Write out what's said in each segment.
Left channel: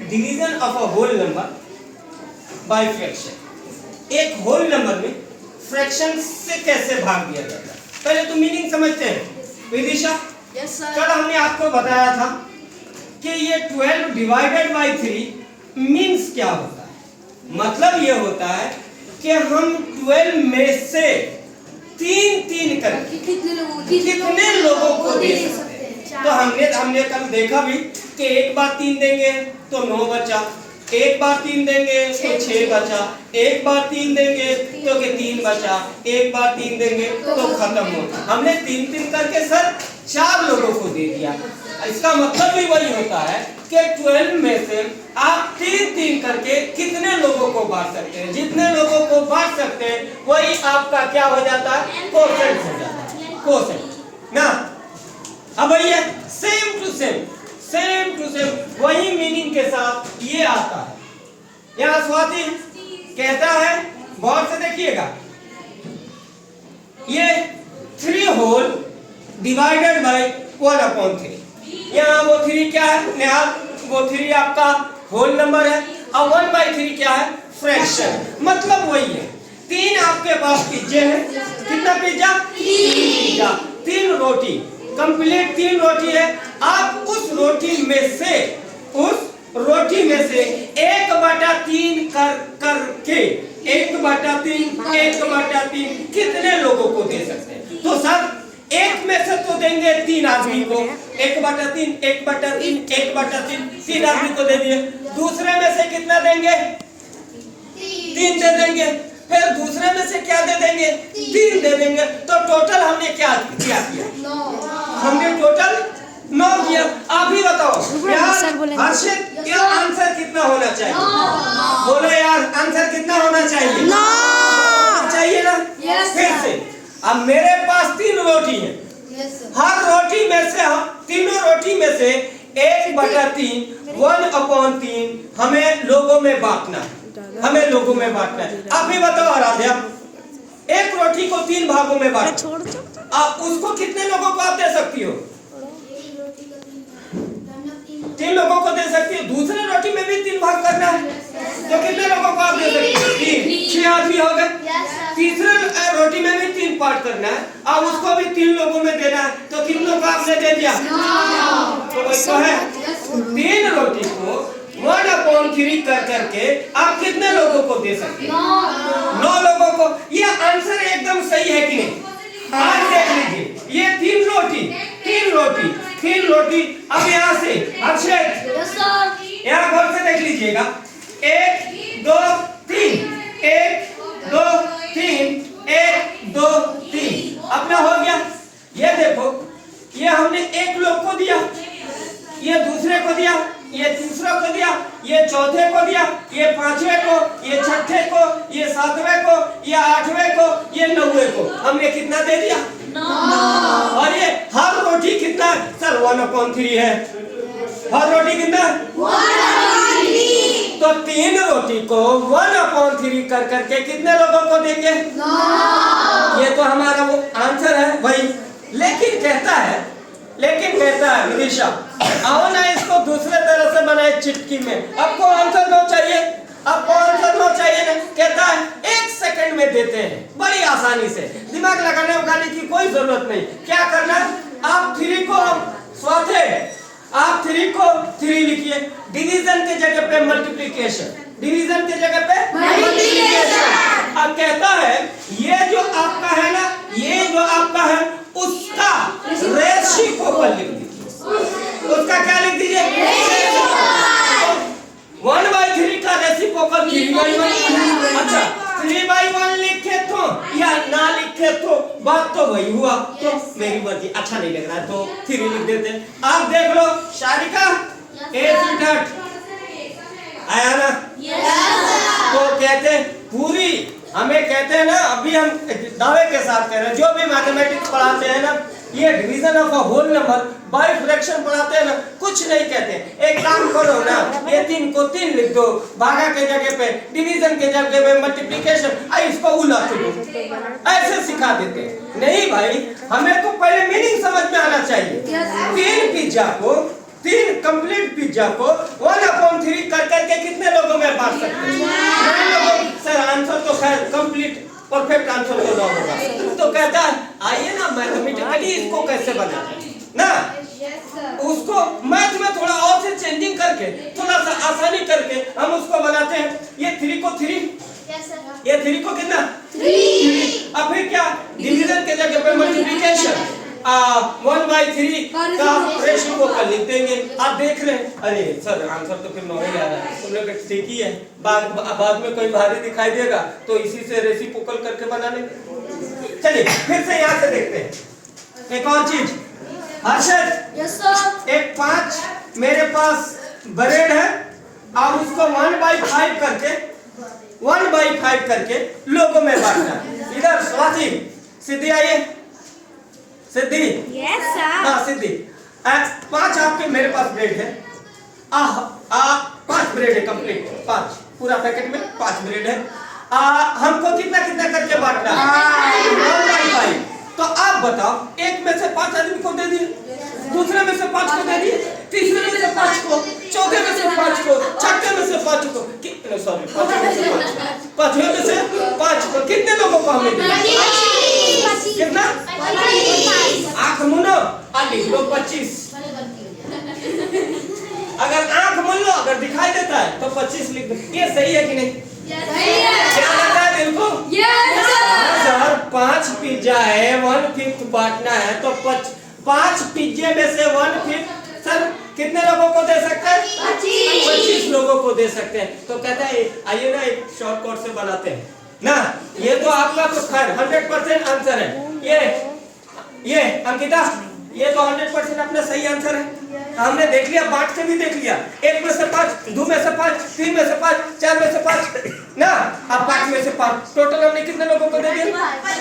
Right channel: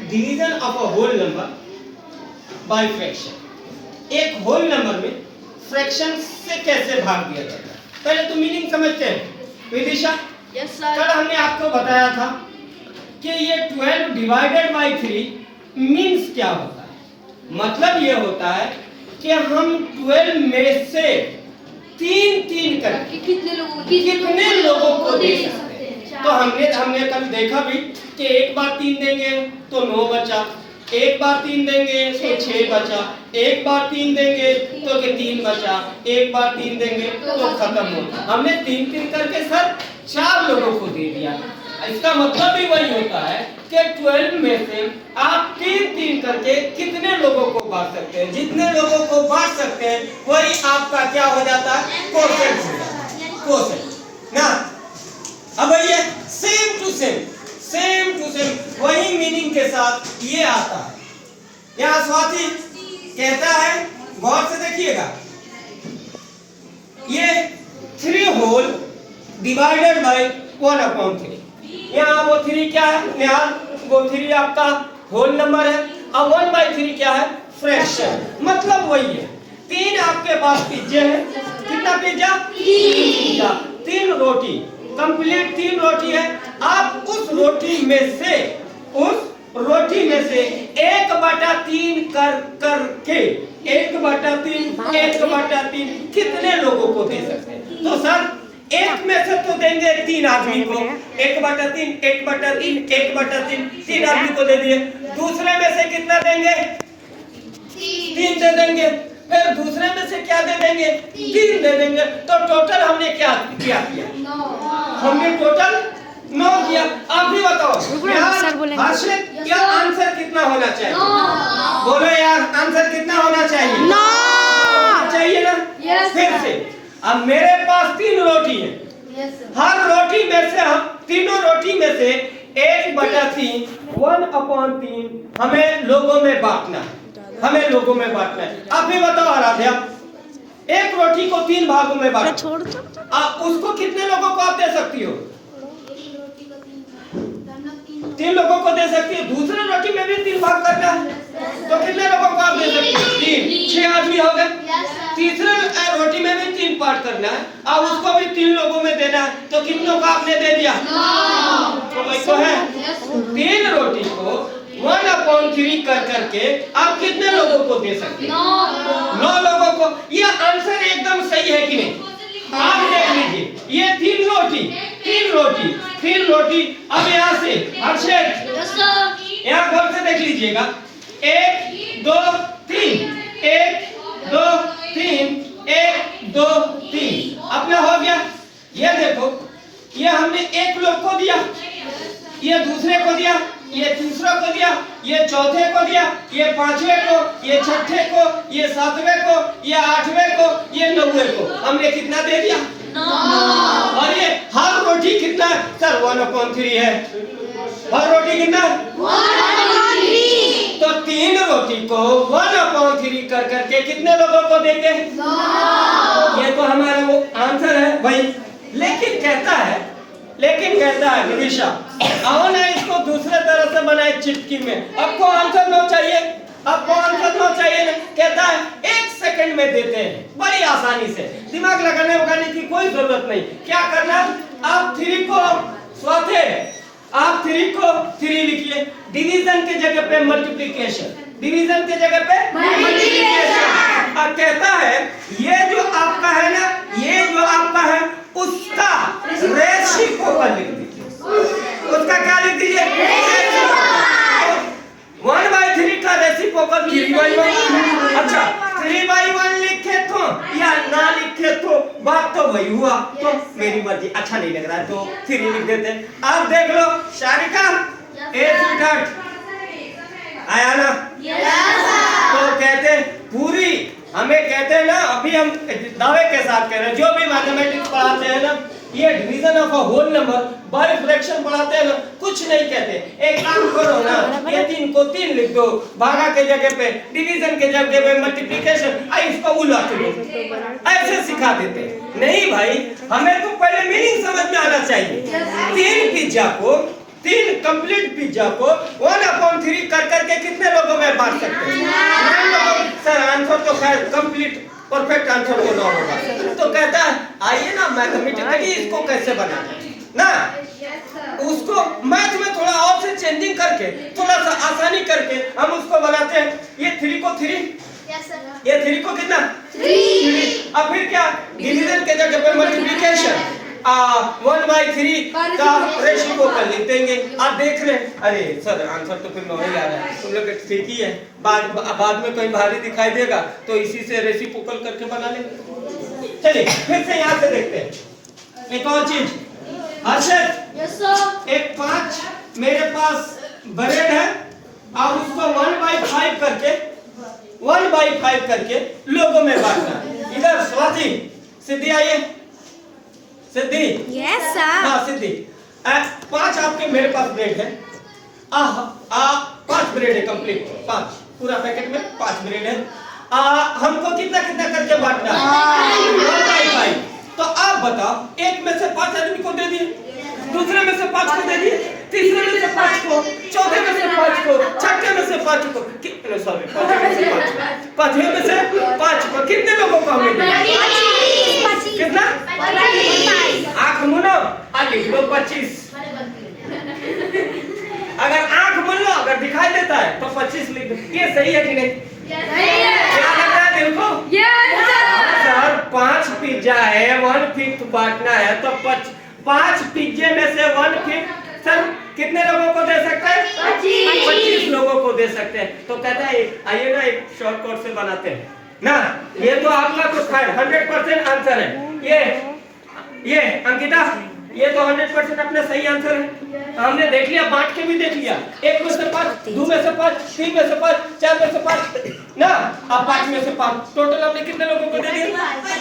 Division of a whole number by fraction. एक whole number में fraction से कैसे भाग दिया जाता है, पहले तो मीनिंग समझते हैं विदिशा। Yes sir. कल हमने आपको बताया था कि ये 12 डिवाइडेड बाय 3 मीन्स क्या होता है। मतलब ये होता है कि हम 12 में से 3 करके कितने लोगों को दे सकते हैं। तो हमने कल देखा भी कि एक बार 3 देंगे तो 9 बचा, एक बार 3 देंगे तो 6 बचा, एक बार 3 देंगे तो 3 बचा, एक बार 3 देंगे तो खत्म हो। हमने 3 करके सर 4 लोगों को दे दिया। इसका मतलब भी वही होता है कि 12 में से आप 3 करके कितने लोगों को बांट सकते हैं। जितने लोगों को बांट सकते हैं वही आपका क्या हो जाता है, कोसेंट हो जाता है, कोसेंट ना। अब ये सेम टू सेम वही मीनिंग के साथ ये आता है। यहाँ स्वाति कहता है, गौर से देखिएगा, ये 3 होल डिवाइडेड बाय 1/3। यहाँ वो 3 क्या है निहाल, वो 3 आपका होल नंबर है और 1/3 क्या है, फ्रैक्शन। मतलब वही है। 3 आपके पास पिज्जे हैं, कितना पिज्जा, 3 पिज्जा, 3 रोटी, कंप्लीट 3 रोटी है। आप उस रोटी में से 1/3 करके 1/3 कितने लोगों को दे सकते हैं। तो सर एक में से तो देंगे 3 आदमी को, 1/3 3 आदमी को दे दिए। दूसरे में से कितना देंगे, 3 दे देंगे। फिर दूसरे में से क्या दे देंगे, 3 दे देंगे। तो टोटल हमने क्या किया, हमने टोटल 9 किया। आप ही बताओ हर्षित, क्या आंसर कितना होना चाहिए, बोलो यार आंसर कितना होना चाहिए, 9 चाहिए ना। फिर से अब मेरे पास 3 रोटी है, हर रोटी में से हम तीनों रोटी में से 1/3 1/3 हमें लोगों में बांटना है, हमें लोगों में बांटना है। आप ही बताओ आराध्या, एक रोटी को 3 भागों में बांटो, आप उसको कितने लोगों को आप दे सकती हो, 3 लोगों को दे सकती है। दूसरे रोटी में भी 3 भाग करना है तो कितने लोगों को आप दे सकती हो, 3, 6 आदमी हो गए। तीसरे रोटी में भी 3 पार्ट करना है, अब उसको भी 3 लोगों में देना है। तो कितनों को आपने दे दिया, तो वही तो है। 3 रोटी को 1/3 करके आप कितने लोगों को दे सकते हैं, 9 लोगों को। ये आंसर एकदम सही है कि नहीं। आज देख लीजिए, ये 3 रोटी। अब यहाँ से हर्षित, यहाँ घर से देख लीजिएगा, 1 2 3 1 2 3 1 2 3 अपना हो गया। ये देखो, ये हमने एक लोग को दिया, ये दूसरे को दिया, ये तीसरे को दिया, ये चौथे को दिया, ये 5वें को, ये 6ठे को, ये 7वें को, ये 8वें को, ये 9वें को। हमने कितना दे दिया, 9। और ये हर रोटी कितना सर, 1/3 है। हर रोटी कितना, 1/3। तो 3 रोटी को 1/3 कर करके कितने लोगों को देंगे, 9। ये तो हमारा वो आंसर है भाई। लेकिन कहता है विदिशा, आओ ना इसको दूसरे तरह से बनाए चिटकी में। आपको आंसर 9 चाहिए, आपको आंसर 9 चाहिए ना। कहता है 1 सेकंड में देते हैं, बड़ी आसानी से, दिमाग लगाने की कोई जरूरत नहीं। क्या करना, आप 3 को स्वाथे, आप 3 को 3 लिखिए, डिवीजन के जगह पे मल्टीप्लिकेशन, डिवीजन के जगह पे मल्टीप्लिकेशन। अब कहता है ये जो आपका है ना, ये जो आपका है उसका रेसिप्रोकल लिख दीजिए। उसका क्या लिख दीजिए, 1/3 का रेसिप्रोकल 3/1। अच्छा 3/1 लिखे तो या ना लिखे तो बात तो वही हुआ। तो मेरी मर्जी, अच्छा नहीं लग रहा है तो 3 लिख देते। आप देख लो शारिका, आया ना। तो कहते पूरी, हमें कहते हैं ना, अभी हम दावे के साथ कह रहे हैं, जो भी मैथमेटिक्स पढ़ाते हैं ना, ये division of a whole number by fraction पढ़ाते हैं ना, कुछ नहीं कहते। एक काम करो ना, ये 3 को 3 लिख दो, भागा के जगह पे डिवीजन के जगह पे मल्टीप्लिकेशन, इसको उलट दो, ऐसे सिखा देते हैं। नहीं भाई, हमें तो पहले मीनिंग समझ में आना चाहिए। 3 कंप्लीट पिज्जा को 1/3 ये कितने लोगों में बांट सकते हैं? 9 लोगों। सर आंसर तो खैर कंप्लीट परफेक्ट आंसर तो 9 होगा। तो कहता है आइए ना मैथमेटिकली इसको कैसे बनाते हैं ना, उसको मैथ में थोड़ा और से चेंजिंग करके थोड़ा सा आसानी करके हम उसको बनाते हैं। ये 3 को 3, ये 3 को कितना 3। अब फिर क्या डिवीजन के जगह पे मल्टीप्लिकेशन 1/3 का रेसिप्रोकल लिख देंगे। आप देख रहे हैं अरे सर आंसर तो फिर 9 ही आ रहा है, तुम लोग ठीक ही है, बाद में कहीं भारी दिखाई देगा तो इसी से रेसिप्रोकल करके बना लेंगे। चलिए फिर से यहाँ से देखते हैं एक और चीज। हर्षद एक 5 मेरे पास ब्रेड है और उसको 1/5 करके लोगों में बांटना है। इधर स्वाति सिद्धि आइए, सिद्धि यस सर। हाँ सिद्धि 5 आपके मेरे पास ब्रेड है, 5 ब्रेड है कंप्लीट, 5 पूरा पैकेट में 5 ब्रेड है। हमको कितना कितना करके बांटना है 1/5। तो आप बताओ एक में से 5 आदमी को दे दिए, दूसरे में से 5 को दे दिए, तीसरे में से 5 को, चौथे में से 5 को, छठे में से 5 को, कितने सॉरी पांचवें में से 5 को, पांचवें में से 5 को, कितने लोगों को हमने दिया? कितना? आंख मुनो और लिख लो 25। अगर आंख मुन लो अगर दिखाई देता है तो 25 लिख दो। ये सही है कि नहीं? क्या लगता है दिल को? सर 5 पिज्जा है, 1/5 बांटना है तो 5 पिज्जे में से 1/5 सर कितने लोगों को दे सकते हैं? 25 लोगों को दे सकते हैं। तो कहता है आइए ना एक शॉर्टकट से बनाते हैं ना। ये तो आपका तो खैर 100% आंसर है। ये अंकिता ये तो 100% अपना सही आंसर है। हमने देख लिया, बांट के भी देख लिया, 1 में से 5, 2 में से 5, 3 में से 5, 4 में से 5 ना, अब 5 में से 5 टोटल हमने कितने लोगों को दे दिया?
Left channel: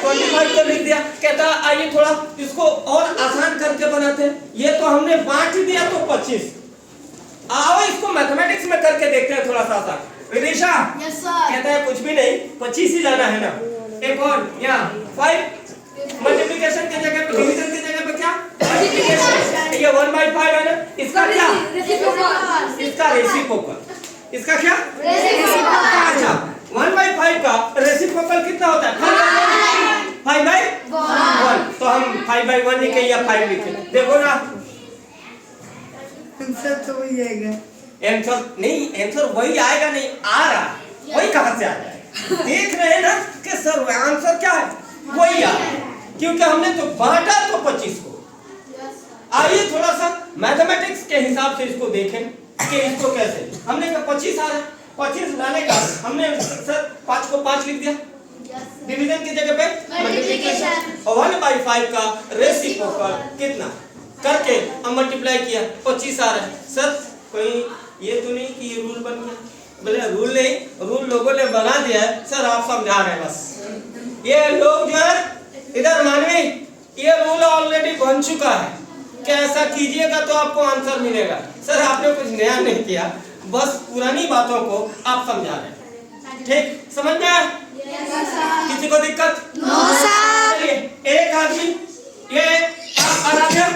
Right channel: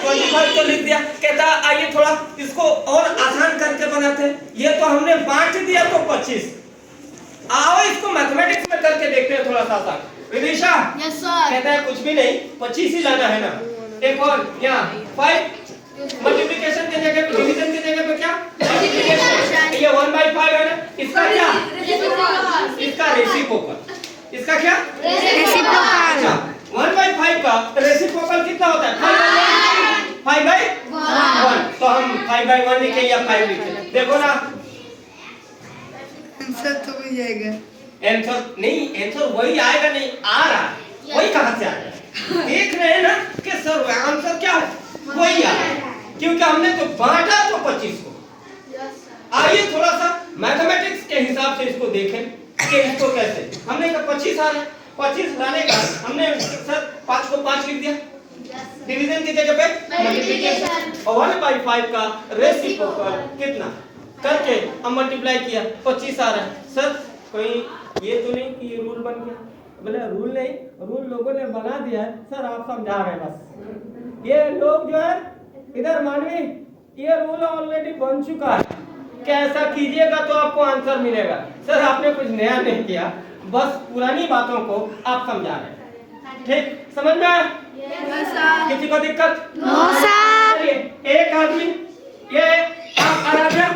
25 को लिख दिया। कहता आइए थोड़ा इसको और आसान करके बनाते हैं। ये तो हमने बांट दिया तो 25, आओ इसको मैथमेटिक्स में करके देखते हैं थोड़ा सा आसान। विदिशा कहता है कुछ भी नहीं 25 ही लाना है ना। एक और यहाँ 5 मल्टीप्लिकेशन की जगह पे डिवीजन की जगह पे क्या मल्टीप्लिकेशन, ये 1/5 है ना, इसका क्या इसका रेसिप्रोकल, इसका क्या रेसिप्रोकल। अच्छा 1/5 का रेसिप्रोकल कितना होता है? 5/1। तो हम 5/1 लिखे या 5 लिखे, देखो ना आंसर तो वही आएगा। आंसर नहीं, आंसर वही आएगा नहीं, आ रहा है, वही कहां से आ जाएगा? देख रहे हैं ना कि सर आंसर क्या है, वही आ रहा है, क्योंकि हमने तो बांटा तो 25 को। आइए थोड़ा सा मैथमेटिक्स के हिसाब से इसको देखें कि इसको कैसे, हमने कहा 25 आ रहा है, 25 लाने का हमने सर 5 को 5 लिख दिया, डिवीजन की जगह पे मल्टीप्लिकेशन, और 1/5 का रेसिप्रोकल कितना करके हम मल्टीप्लाई किया, 25 आ रहा है। सर कोई ये तो नहीं कि ये रूल बन गया? बोले रूल नहीं, रूल लोगों ने बना दिया है सर, आप समझा रहे हैं बस। ये लोग जो है इधर मानवी, ये रूल ऑलरेडी बन चुका है कि ऐसा कीजिएगा तो आपको आंसर मिलेगा। सर आपने कुछ नया नहीं किया, बस पुरानी बातों को आप समझा रहे हैं। ठीक समझ में आया? किसी को दिक्कत? No sir. एक आदमी ये आराध्या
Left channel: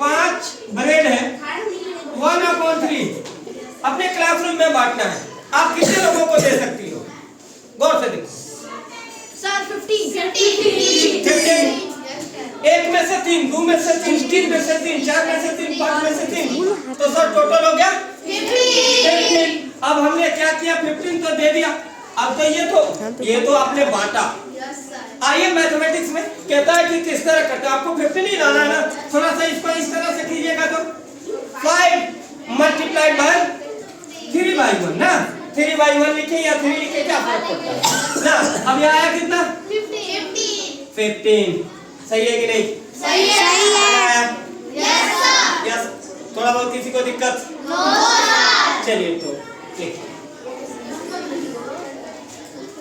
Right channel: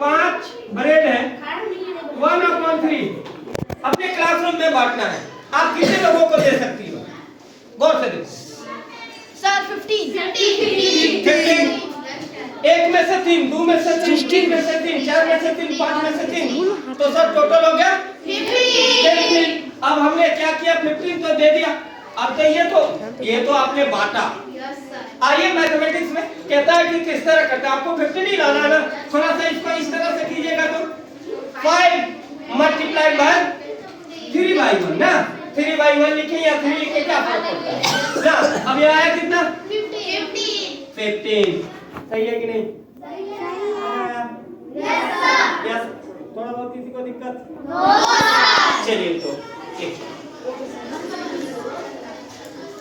5 ब्रेड है, 1/3 अपने क्लासरूम में बांटना है। आप कितने लोगों को दे सकती हो? गौर से देखो। सर 15। 1 में से 3, 2 में से 3, 3 में से 3, 4 में से 3, 5 में से 3, तो सर टोटल हो गया 15। अब हमने क्या किया, 15 तो दे दिया। अब तो ये तो आपने बांटा। आइए मैथमेटिक्स में कहता है कि किस तरह करते हैं, आपको 15 ही लाना है ना, थोड़ा सा इसको इस तरह से कीजिएगा तो 5 मल्टीप्लाई बाय 3/1 ना, 3/1 लिखे या 3 लिखे क्या फर्क पड़ता है ना। अब ये आया कितना 15। सही है कि नहीं? सही है। यस। थोड़ा बहुत किसी को दिक्कत? चलिए तो ठीक है।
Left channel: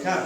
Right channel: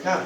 हाँ